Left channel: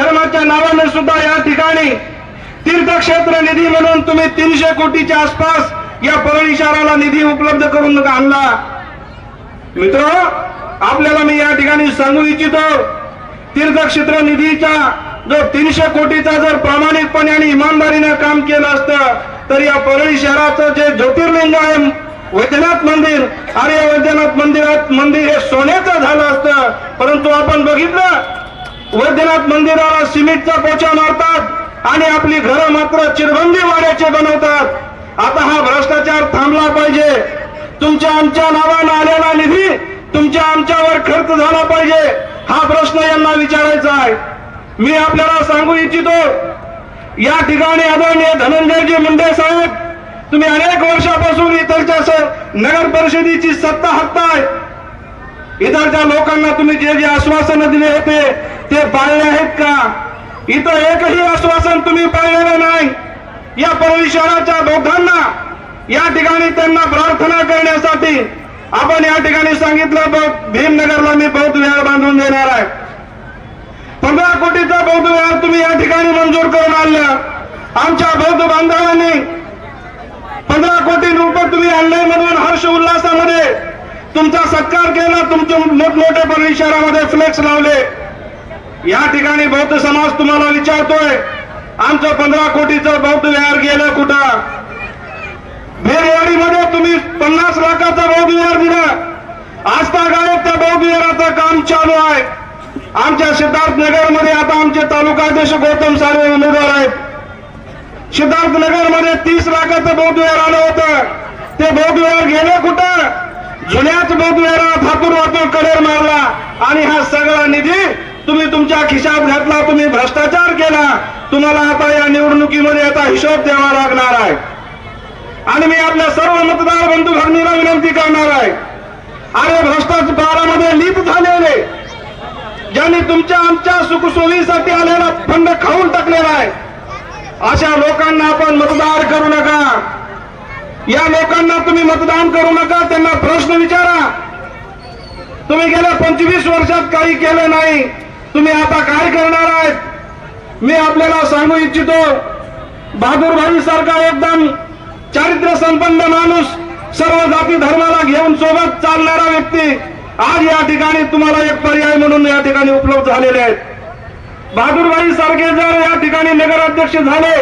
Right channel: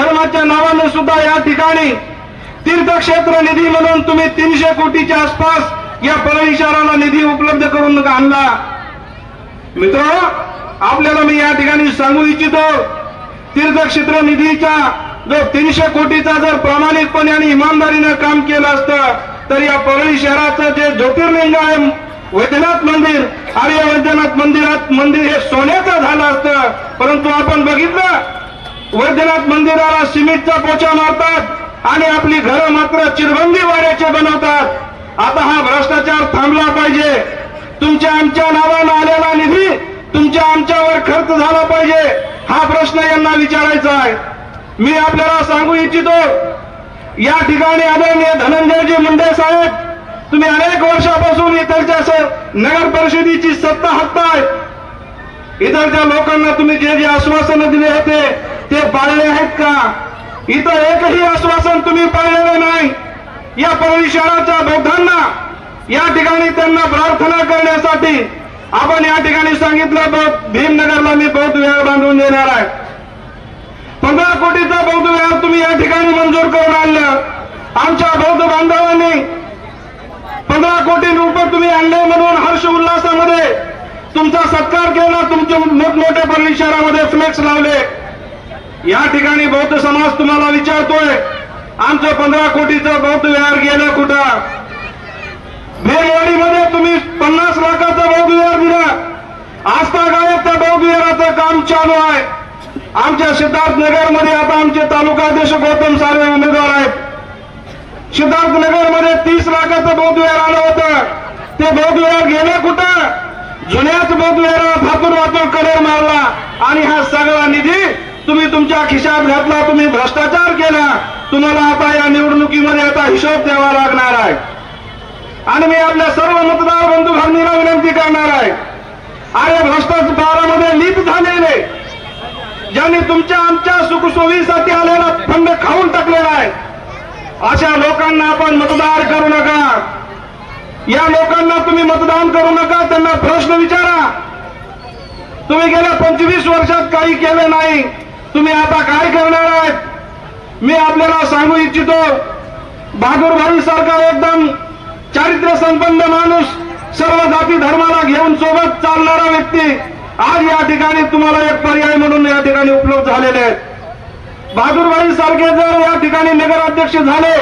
धर्माच्या नावाने सुद्धा या ठिकाणी तीर्थक्षेत्र निधी म्हणून तुम्ही तीनशे कोटीच्या आसपास या परळी शहराला निधी उपलब्ध करून आणला. मित्र आपल्याला मी या ठिकाणी सांगू इच्छितो तीर्थक्षेत्र निधीचा जो तीनशे कोटीचा जर प्रामाणिकपणे आणि इमानदारीने काम केलं असतं तर या परळी शहराचं जे ज्योतिर्लिंग आहे वैद्यनाथ मंदिर आर्य वैद्यनाथ मंदिरात मंदिर हे सोन्याचं झालं असतं. परंतु आपण बघितलं वैद्यनाथ मंदिराला सिमेंटचा पोचा मारतात आणि आपली घरं मात्र चिरबंदी वाड्याचे बनवतात. आता हा भ्रष्टाचार थांबला पाहिजे. तुमच्या आमच्या नावानं आलेला निधी तुमच्या आमच्यावर खर्च झाला पाहिजे. हा प्रश्न यांना विचारायचा आहे. मी आपल्याला सांगू इच्छितो या ठिकाणी आदरणीय धनंजयजी मुंडे साहेब तुम्ही अनेक वर्षापासून इतरच्या नगर परिषदेची सत्ता हत्ता आहे इतरच्या लोकांना तुम्ही जे जे आश्वासन पाळले आहेत का? इथं एकही आश्वासन तुम्ही पाळलेलं नाही. या परळी शहराच्या बौद्धांना या ठिकाणी त्यांना प्रार्थना करण्यासाठी आपण या ठिकाणी सांगितलं बौद्ध- भीमनगरला मी बौद्ध विहार बांधून देणार आहे. पंधरा कोटीचा बौद्ध विहार तुम्ही या ठिकाणी मंजूर करून आणलं. आमच्या बौद्ध बांधवांनी पंधरा कोटी रुपये तुम्ही आणले म्हणून हर्ष उल्हासामध्ये तुमचा सत्कार केला तुमचे मोठमोठे परळी फ्लेक्स लावले. या ठिकाणी बौद्ध समाज तुम्हाला विचारतोय आमचं पंधरा कोटीचं बौद्ध विहार गेला कुठं? भेरवाडीमध्ये तुम्ही पन्नास लाखाचं बौद्ध विहार दिलं. आस्था गावात त्या बौद्ध विहाराचं काम चालू आहे. आमच्या सिद्धार्थ नगरमध्ये आता आमचे तालुकाध्यक्ष गौतम साळवे उमेदवार आहेत. सिद्धार्थ नगरमध्ये तीस लाखाचं बौद्ध विहार आलं होतं. ते बौद्ध विहार गेलं कुठं? जुन्याच बौद्ध विहाराला हातून वातून कलर मारला. आणि हा सगळा निधी तुम्ही तुमच्या खिशात घातला तुम्ही भ्रष्टाचार केला. तुम्हाला आता या निवडणुकीमध्ये आता हिशोब द्यावा लागणार आहे. आणि मी आपल्या सर्व मतदार बंधू भगिनीला विनंती करणार आहे. अरे भ्रष्टाचारामध्ये लिप झालेले ज्यांनी तुमच्या आमच्या सुखसोयीसाठी आलेला फंड खाऊन टाकलेला आहे अशा लोकांना आपण मतदार करू नका. या लोकांना तुम्ही मतदान करू नका त्यांना प्रश्न विचारा. तुम्ही गेल्या पंचवीस वर्षात काही केलं नाही. तुम्ही आता काय करणार आहे मी आपल्याला सांगू इच्छितो बहादूरभाई सारखा एकदम चारित्र्य संपन्न माणूस सर्व जाती धर्माला घेऊन सोबत चालणारा व्यक्ती आज या ठिकाणी तुम्हाला एक पर्याय म्हणून या ठिकाणी उपलब्ध झालेले आहेत. बहादूरबाई सारखे जर या ठिकाणी नगराध्यक्ष झाले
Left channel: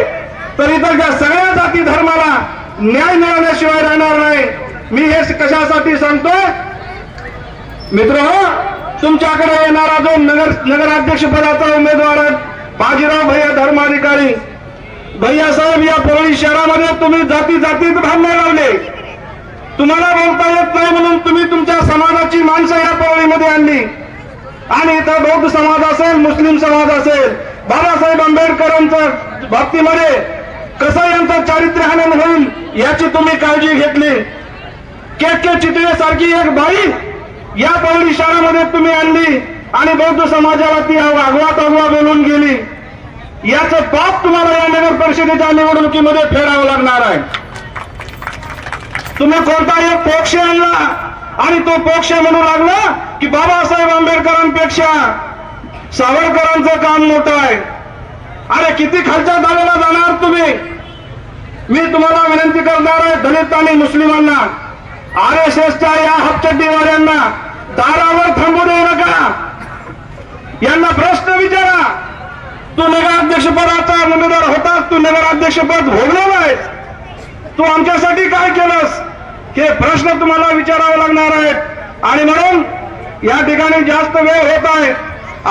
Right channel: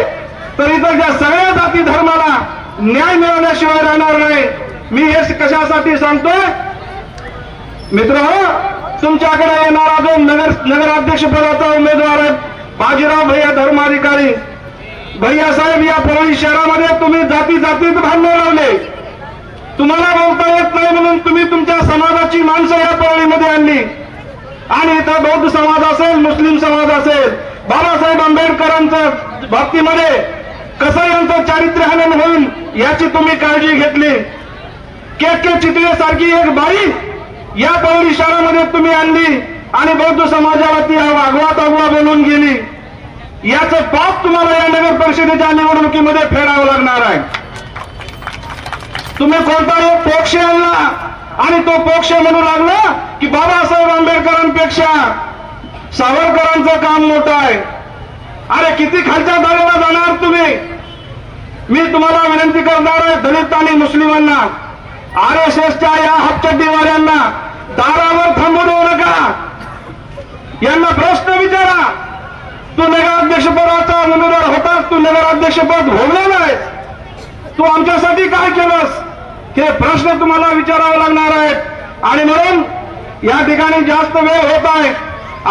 तर इथलच्या सगळ्या जाती धर्माला न्याय मिळवण्याशिवाय राहणार नाही. मी हे कशासाठी सांगतोय? मित्र हो तुमच्याकडे येणारा जो नगर नगराध्यक्ष पदाचा उमेदवार आहे बाजीराव भैया धर्माधिकारी. भैया साहेब या परळी शहरामध्ये तुम्ही जाती जातीत भांडण लावले. तुम्हाला बोलता येत नाही म्हणून तुम्ही तुमच्या समाजाची माणसं या परळीमध्ये आणली. आणि इथं बौद्ध समाज असेल मुस्लिम समाज असेल बाबासाहेब आंबेडकरांच्या बाबतीमध्ये कसं यांचं चारित्र्य हनन होईल याची तुम्ही काळजी घेतली. के के चितळे सारखी एक बाई या परळी शहरामध्ये तुम्ही आणली आणि बौद्ध समाजाला ती वागवा तागवा बोलून गेली. याचं पाप तुम्हाला या नगर परिषदेच्या निवडणुकीमध्ये फेडावं लागणार आहे. तुम्ही कोणता एक पक्ष आणला आणि तो पक्ष म्हणू लागला की बाबासाहेब आंबेडकरांपेक्षा सावरकरांचं काम मोठं आहे. अरे किती खालच्या दाराला जाणार तुम्ही? मी तुम्हाला विनंती करणार आहे दलित आणि मुस्लिमांना. आर एस एसच्या या हपचड्डीवाल्यांना दारावर थांबू देऊ नका. यांना प्रश्न विचारा. तू नगराध्यक्षपदाचा उमेदवार होतास तू नगराध्यक्षपद भोगलेला आहेस. तू आमच्यासाठी काय केलंस? हे प्रश्न तुम्हाला विचारावे लागणार आहेत. आणि म्हणून या ठिकाणी जास्त वेळ होत आहे.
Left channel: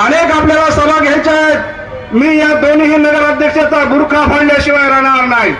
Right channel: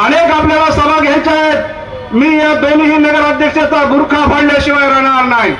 अनेक आपल्याला सभा घ्यायच्या आहेत. मी या दोन्ही नगराध्यक्षाचा गुरखा फाडल्याशिवाय राहणार नाही.